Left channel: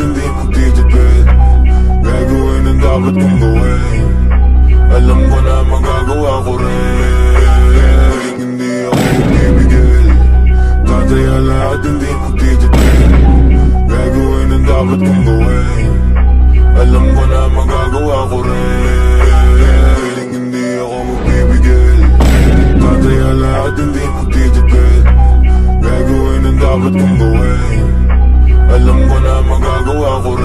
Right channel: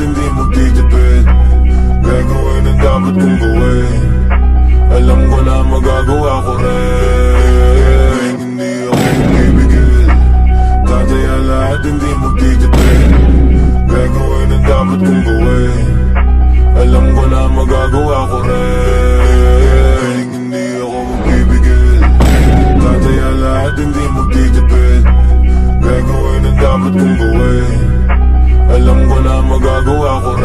hindi mo titipid. Gagawin ang dapat kong gawin. Alam ko na magagawa ko rin. Hindi ako bibigil. Tataya lahat hindi mo titipid. Gagawin ang dapat kong gawin. Alam ko na magagawa ko rin. Hindi ako bibigil. Tataya lahat hindi mo titipid. Gagawin ang dapat kong gawin. Alam ko na magagawa ko rin.